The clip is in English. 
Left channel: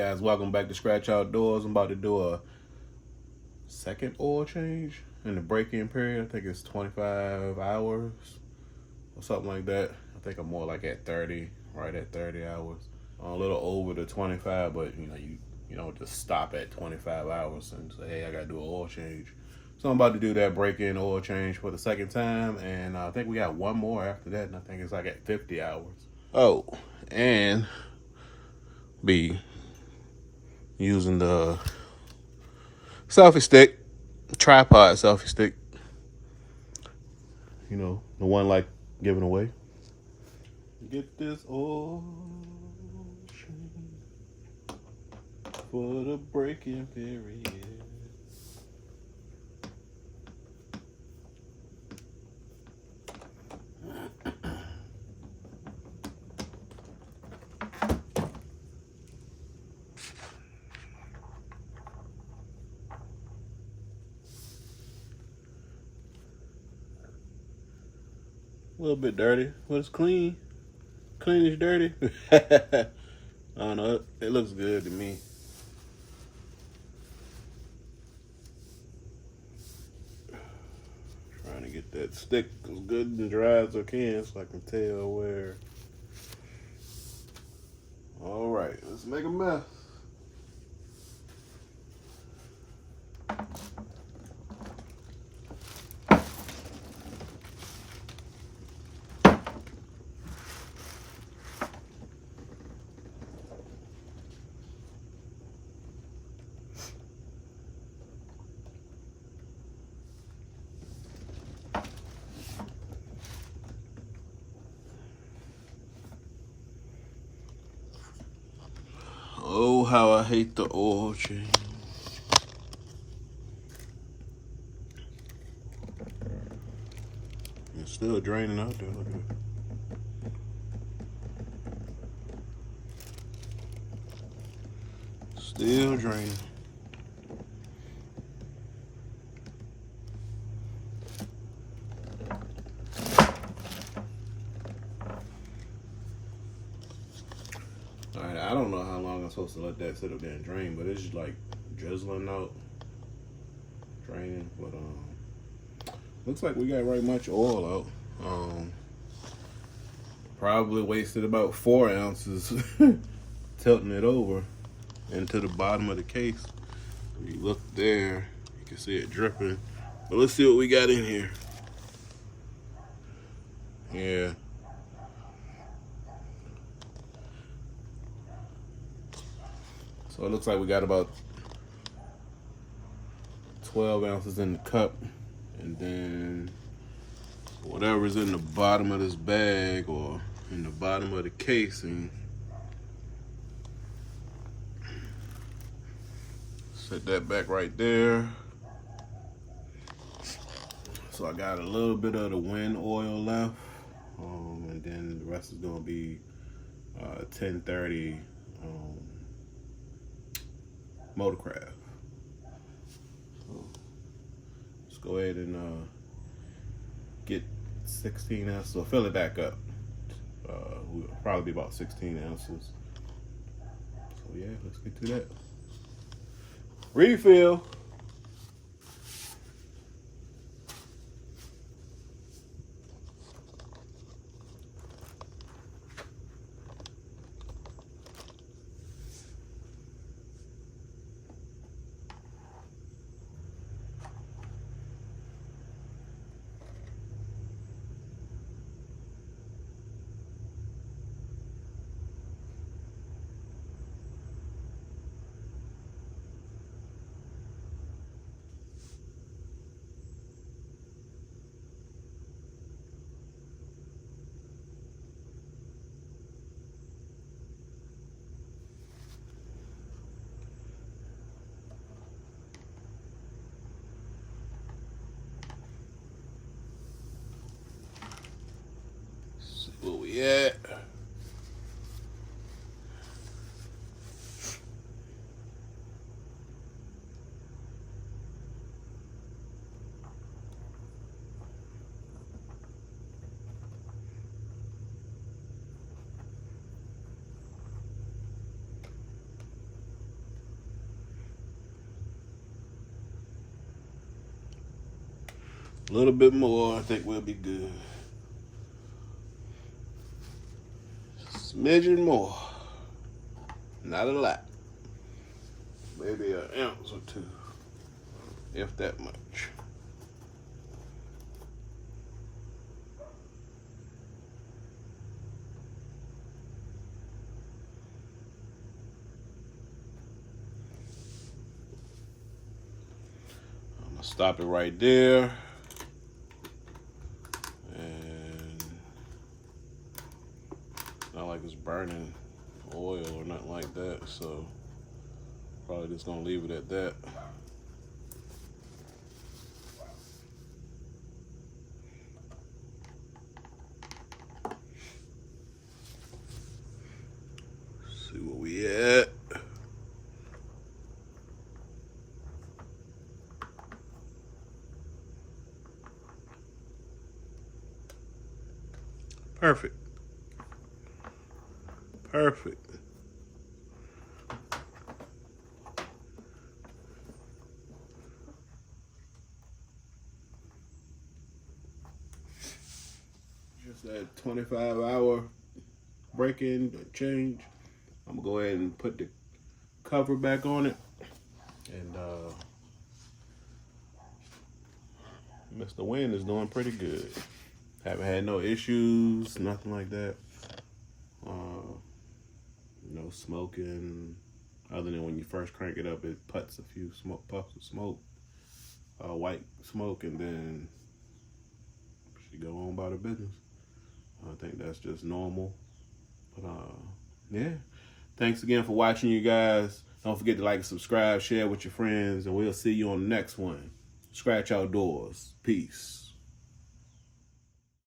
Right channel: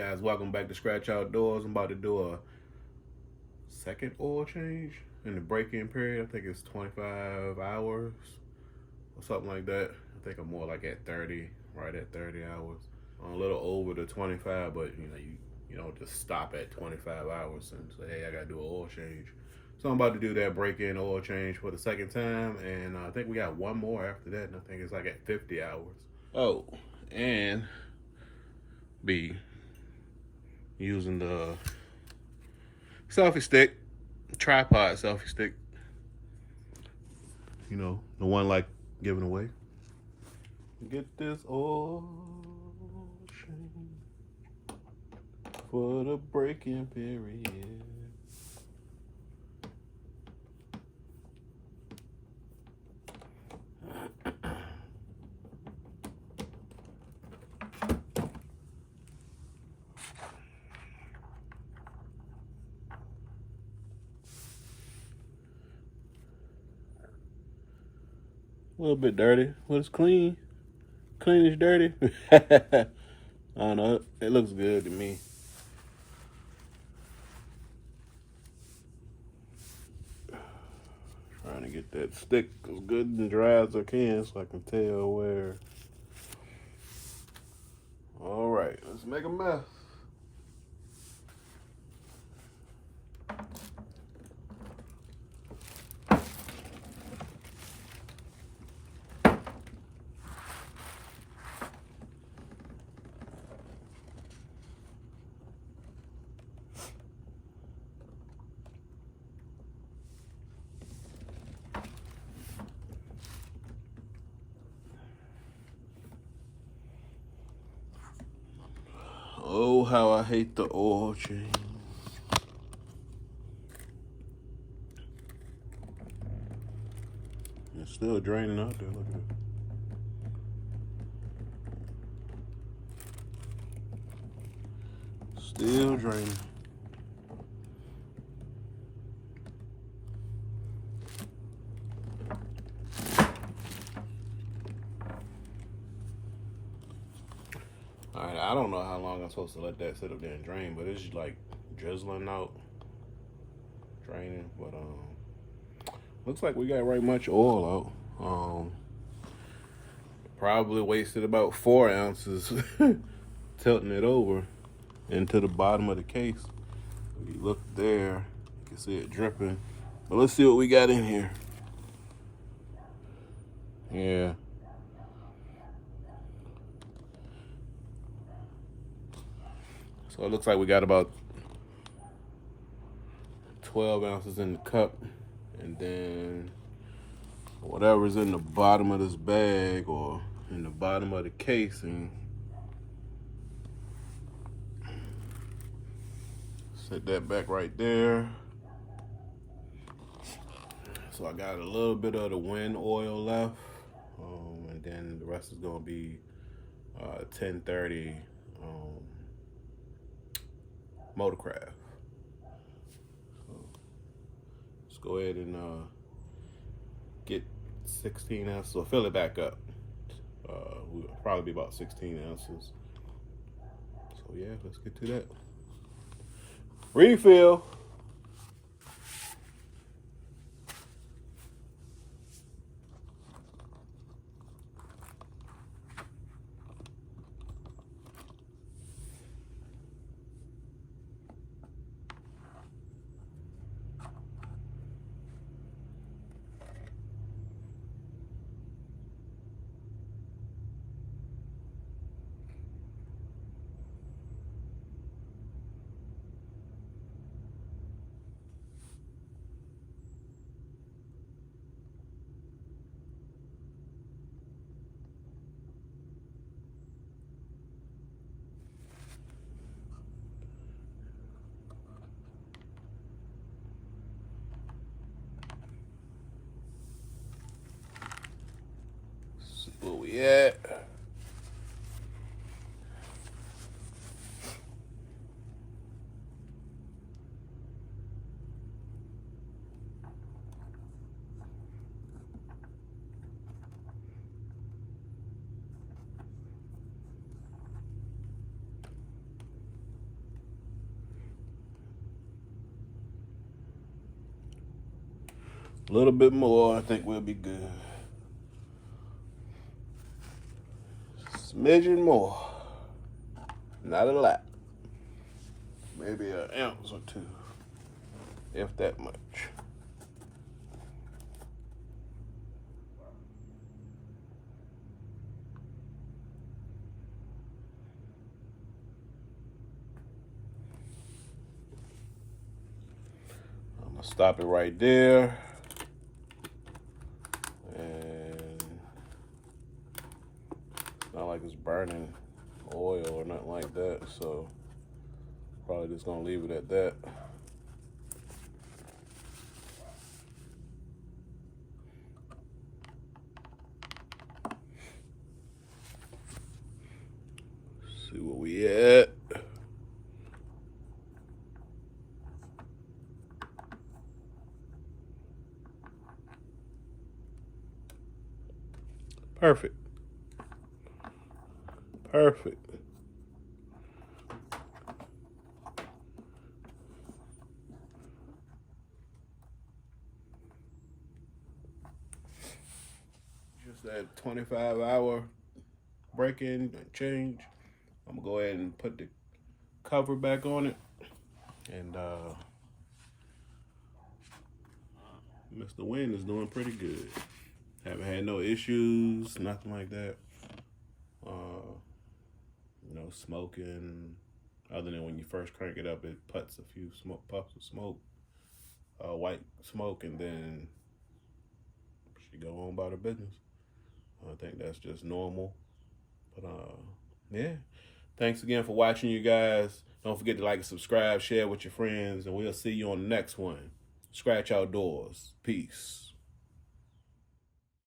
guys, welcome back to Scratch Outdoors. I'm about to do a second oil change in the break-in period. I think it's 25 hours or something like that. I think I'm more like at 30, right at 30 hours. A little over the 25, but you don't just stop at 25 hours and say, hey, I gotta do an oil change. So I'm about to do that break-in oil change for the second time, and I think we got one more after that, and I think it's like at 50 hours. Oh, and be using the selfie stick, tripod selfie stick. You know, the one like giving away. Get this oil change for the break-in period. A little bit dirty, but it's clean. Clean is dirty. I don't know. It looks good to me. Trying to get that stick as good and dry as I can so I can tell where. All right, let's make a mess. Oh, how I hate the oil change. It's still draining out there. Look at it. Still draining. All right, I don't know how long I'm supposed to let that sit up there and drain, but it's just like drizzling out, draining. But looks like we got right much oil out. Probably wasted about 4 ounces tilting it over into the bottom of the case. If you look there, you can see it dripping. But let's see what we got in here. Yeah. So it looks like we got about 12 ounces in the cup, and then whatever's in the bottom of this bag or in the bottom of the casing, set that back right there. So I got a little bit of the WEN oil left, and then the rest is gonna be 1030 Motorcraft. So let's go ahead and get 16 ounces, or fill it back up. Will probably be about 16 ounces. So yeah, let's get to that. Refill. See where we at. A little bit more, I think we'll be good. Smidgen more. Not a lot. Maybe an ounce or two, if that much. I'm gonna stop it right there. And not like it's burning oil or nothing like that, so probably just gonna leave it at that. See where we at. Perfect. Perfect. Just that 25-hour break-in change. I'm gonna go ahead and put the cover back on it. And Mr. WEN is doing pretty good. Haven't had no issues, nothing like that. No smoking, other than when you first crank it up, it puts a few puffs of smoke, white smoke, and then she go on about her business. I think that's just normal. But yeah. Thanks again for watching, you guys. Don't forget to like and subscribe, share with your friends, and we'll see you on the next one. Scratch Outdoors. Peace.